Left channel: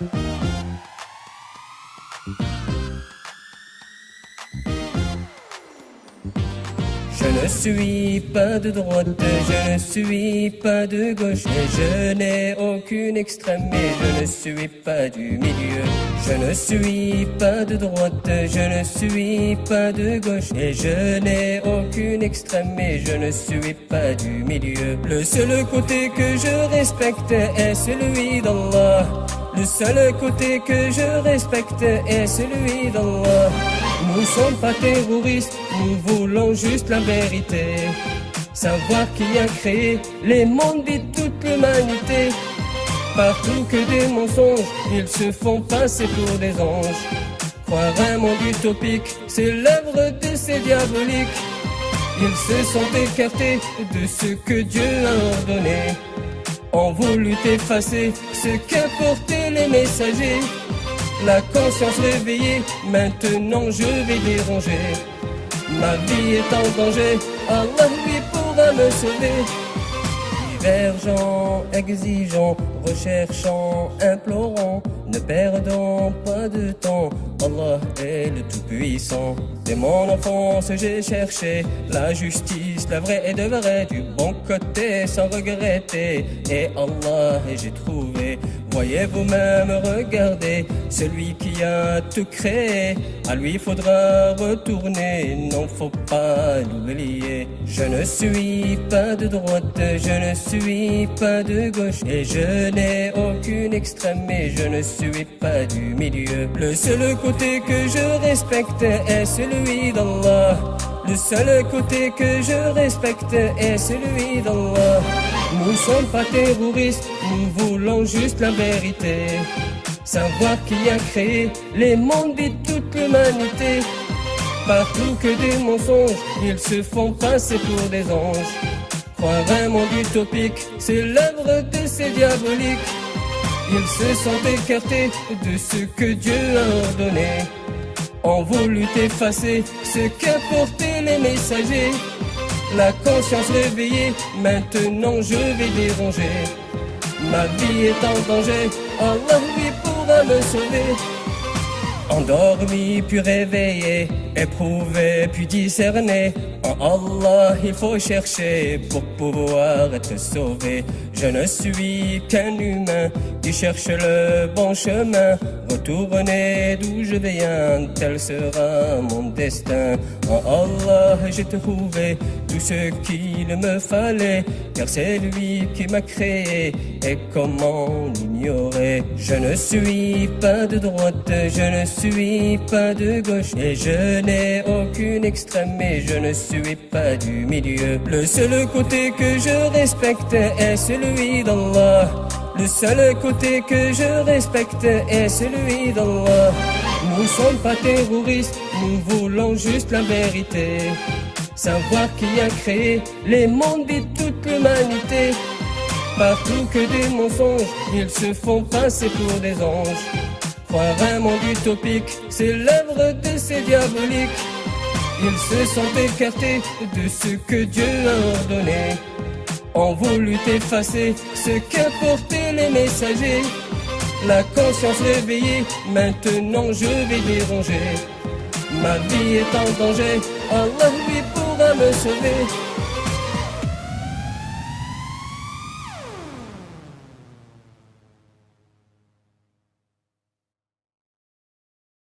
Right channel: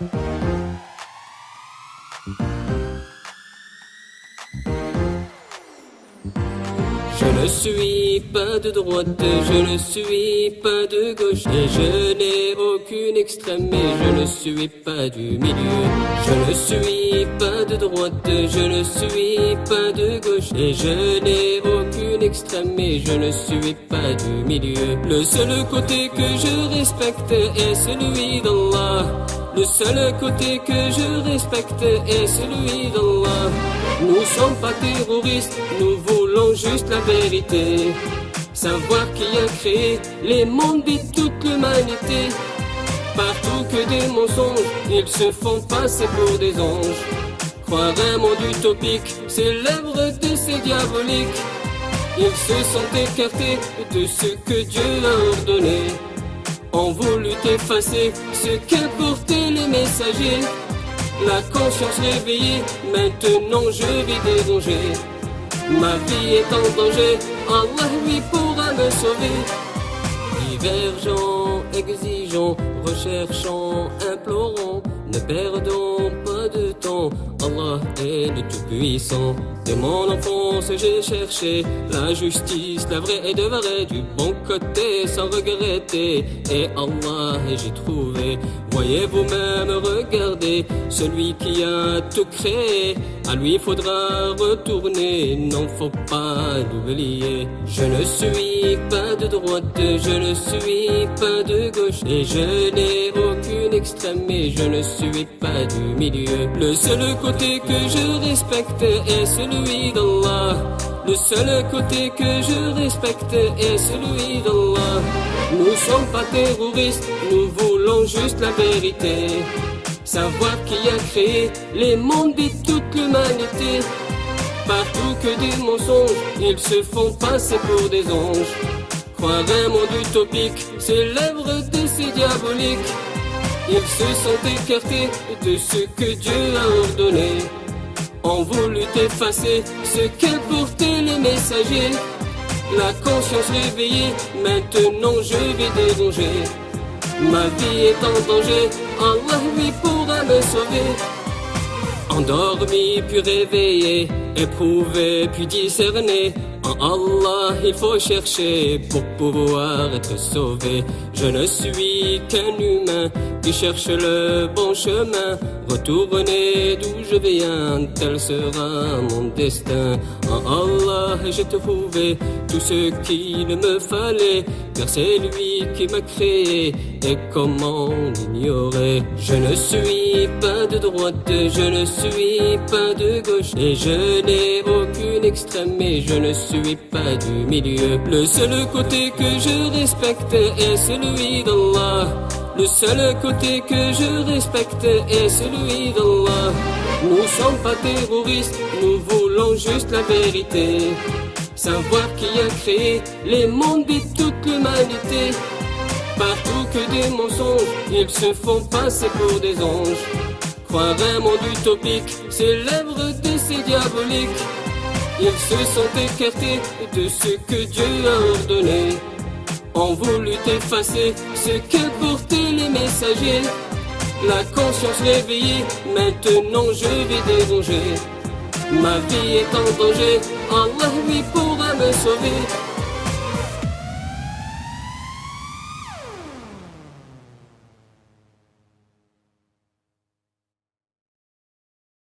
Je ne suis pas de droite, je ne suis pas de gauche, et je n'ai aucune extrême, et je ne suis pas du milieu. Je ne suis pas de droite, je ne suis pas de gauche, et je n'ai aucune extrême, et je ne suis pas du milieu. Le seul côté que je respecte est celui d'Allah. Le seul côté que je respecte est celui d'Allah. Nous sommes pas terroristes, nous voulons juste la vérité. Savoir qui a créé les mondes et toute l'humanité. Partout que des mensonges, ils se font passer pour des anges. Croire un monde utopique, c'est l'œuvre de ces diaboliques. Ils se sont écartés de ce que Dieu a ordonné. Ont voulu effacer ce qu'apportaient les messagers. La conscience réveillée, maintenant je vais déranger. Ma vie est en danger, Allah lui pourra me sauver. Divergents, exigeants, recherchant, implorant, ne perdons pas de temps, Allah est le Tout-Puissant. Dès mon enfance j'ai cherché la justice, la vraie et de vrai, du bon côté sans regretter. Et Allah j'ai trouvé, voyez vous-même, regardez, celui qui a tout créé, à lui faudra retourner, non faut pas l'oublier. Je ne suis pas de droite, je ne suis pas de gauche, et je n'ai aucune extrême, et je ne suis pas du milieu. Le seul côté que je respecte est celui d'Allah. Le seul côté que je respecte est celui d'Allah. Nous sommes pas terroristes, nous voulons juste la vérité. Savoir qui a créé les mondes et toute l'humanité. Partout que des mensonges, ils se font passer pour des anges. Croire un monde utopique, c'est l'œuvre de ces diaboliques. Ils se sont écartés de ce que Dieu a ordonné. Ont voulu effacer ce qu'apportaient les messagers. La conscience réveillée, maintenant je vais déranger. Ma vie est en danger, Allah lui pourra me sauver. Endormi puis réveillé, éprouvé puis discerné, en Allah il faut chercher pour pouvoir être sauvé. Je ne suis qu'un humain qui cherche le bon chemin. Retourner d'où je viens, tel sera mon destin. En Allah j'ai trouvé tout ce qu'il me fallait, car c'est lui qui m'a créé, et comment l'ignorer. Je ne suis pas de droite, je ne suis pas de gauche, et je n'ai aucune extrême, et je ne suis pas du milieu. Le seul côté que je respecte est celui d'Allah. Le seul côté que je respecte est celui d'Allah. Nous sommes pas terroristes, nous voulons juste la vérité. Savoir qui a créé les mondes et toute l'humanité. Partout que des mensonges, ils se font passer pour des anges. Croire un monde utopique, c'est l'œuvre de ces diaboliques. Ils se sont écartés de ce que Dieu a ordonné. Ont voulu effacer ce qu'apportaient les messagers. La conscience réveillée, maintenant je vais déranger. Ma vie est en danger, Allah lui pourra me sauver.